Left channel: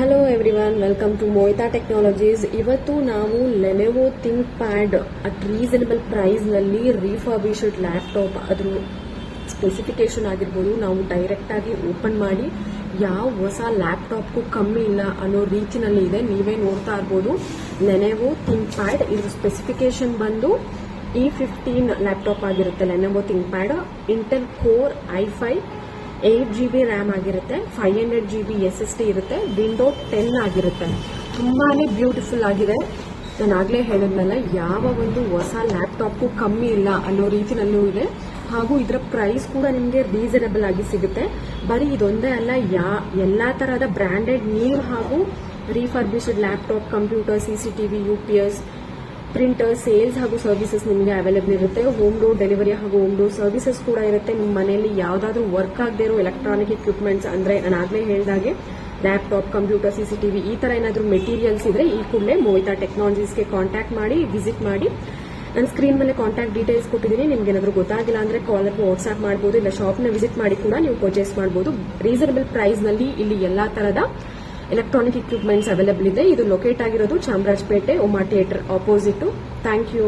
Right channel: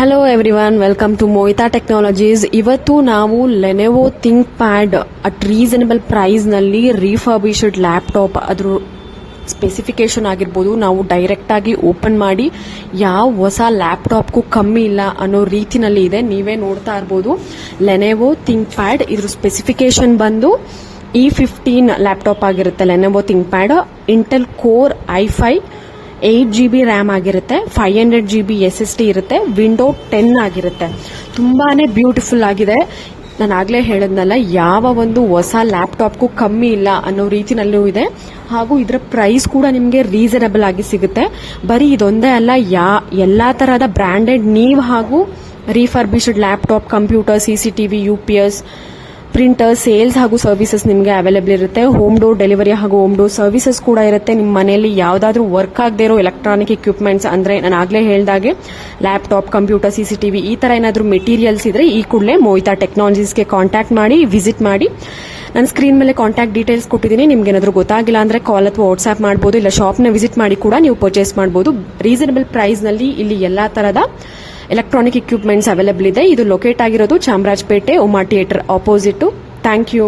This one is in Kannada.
Hello everyone, welcome to Mohita technologies. ಇವತ್ತು ನಾವು Lenovo ThinkPad at reasonable ಪ್ರೈಸ್ನಲ್ಲಿ ರಿಫರ್ಬಿಶ್ಡ್ ಲ್ಯಾಪ್ಟಾಪ್, ಅದ್ರ ಸ್ಪೆಸಿಫಿಕೇಶನ್ ಆಗಿರ್ಬೋದು, ನಾವು ಡೈರೆಕ್ಟ್ ಆಗಿ ಓಪನ್ ಮಾಡಿ ಯಾವ ಹೊಸ ಲ್ಯಾಪ್ಟಾಪ್ಗೂ ಕಮ್ಮಿ ಇಲ್ಲ ಅನ್ನೋ ರೀತಿನಲ್ಲಿ ಇದೆ. ನೀವೇ ನೋಡ್ತಾ ಇರ್ಬೋದು ಲೆನೆವೋ ಥಿಂಕ್ ಪ್ಯಾಡ್. ಇದ್ರ ಸ್ಪೆಸಿಫಿಕೇಶನ್ ಬಂದು E15 ಲ್ಯಾಪ್ಟಾಪ್ ಆಗಿರುತ್ತೆ. Lenovo ThinkPad Intel core i5 8GB RAM ಆಗಿರುತ್ತೆ, 500GB SSD ಇರುತ್ತೆ, ವಿಂಡೋ 10 ಆಗಿರುತ್ತೆ. ತುಂಬಾನೇ ಬ್ಯೂಟಿಫುಲ್ ಆಗಿದೆ. ನಾನು ಆಗ್ಲೇ ಹೇಳಿದ್ನಲ್ಲ, ಯಾವ ಒಂದು ಹೊಸ ಲ್ಯಾಪ್ಟಾಪ್ಗೂ ಕಮ್ಮಿ ಇಲ್ಲ ಅನ್ನೋ ರೀತಿನಲ್ಲೂ ಇದೆ. ಹಾಗೂ ಇದರ ಪ್ರೈಸ್ ಕೂಡ ನಿಮಗೆ ರೀಸನಬಲ್ ಆಗಿ ಸಿಗುತ್ತೆ. ಬರೀ ಇದೊಂದೇ ಅಲ್ಲ, ಎಲ್ಲಾ ತರಹದ ಬ್ರ್ಯಾಂಡೆಡ್ ನೀವು ಹಾಗೂ refurbished laptop, computer, CCTV, UPS, printer, sales ಹಾಗೂ ಸರ್ವಿಸಸ್ ನಿಮಗೆ ಅವೈಲೇಬಲ್ ಇರುತ್ತೆ. ಹೋಮ್ ಡೋರ್ ಡೆಲಿವರಿ ಹಾಗೂ ಹೋಮ್ ಡೋರ್ ಸರ್ವಿಸಸ್ ಕೂಡ ಇರುತ್ತೆ. ನಿಮ್ಮ ಮನೆಯಲ್ಲಿ ಯಾವುದಾದ್ರೂ ವರ್ಕ್ ಆಗದೆ ಇರೋ ಎಲೆಕ್ಟ್ರಾನಿಕ್ ಎಕ್ವಿಪ್ಮೆಂಟ್ಸ್, ಅಂದರೆ ನಾನು ಆಗಲೇ ಹೇಳಿದಾಗೆ ಲ್ಯಾಪ್ಟಾಪ್, ಕಂಪ್ಯೂಟರ್, CCTV ಈ ಥರ ಏನಾದರೂ ಮೆಟೀರಿಯಲ್ಸ್ ಇದ್ರೆ ಈ ಕೂಡಲೇ ಮೋಹಿತಾ ಟೆಕ್ನಾಲಜೀಸ್ಗೆ ಕಾಂಟ್ಯಾಕ್ಟ್ ಮಾಡಿ, ವಿಸಿಟ್ ಮಾಡಿ. ನಾನು ಸ್ಕ್ರೀನ್ ಮೇಲೆ ಕಾಂಟ್ಯಾಕ್ಟ್ ಡೀಟೇಲ್ಸ್ ಕೊಟ್ಟಿದ್ದೀನಿ. ನಿಮ್ಗೆ ಏನಾದರೂ ಗೊತ್ತಾಗಿಲ್ಲ ಅಂದರೆ ಕಾಲ್ ಅಥವಾ ವಾಟ್ಸ್ಆ್ಯಪ್ ಮಾಡ್ಬೋದು, ಇಲ್ಲ ಶಾಪ್ನ ವಿಸಿಟ್ ಮಾಡಿ ಕೂಡ ನೀವು ಪರ್ಚೇಸ್ ಮಾಡ್ಬೋದು. ರೀಸನಬಲ್ ಪ್ರೈಸ್ನಲ್ಲಿ ಇಲ್ಲಿ ಎಲ್ಲ ಥರದ ಎಲೆಕ್ಟ್ರಾನಿಕ್ ಎಕ್ವಿಪ್ಮೆಂಟ್ಸ್ ಅವೈಲೇಬಲ್ ಇದೆ. ಇದು ಲೊಕೇಟ್ ಆಗಿರೋದು Chamarajpet Uma theatre opposite. Thank you.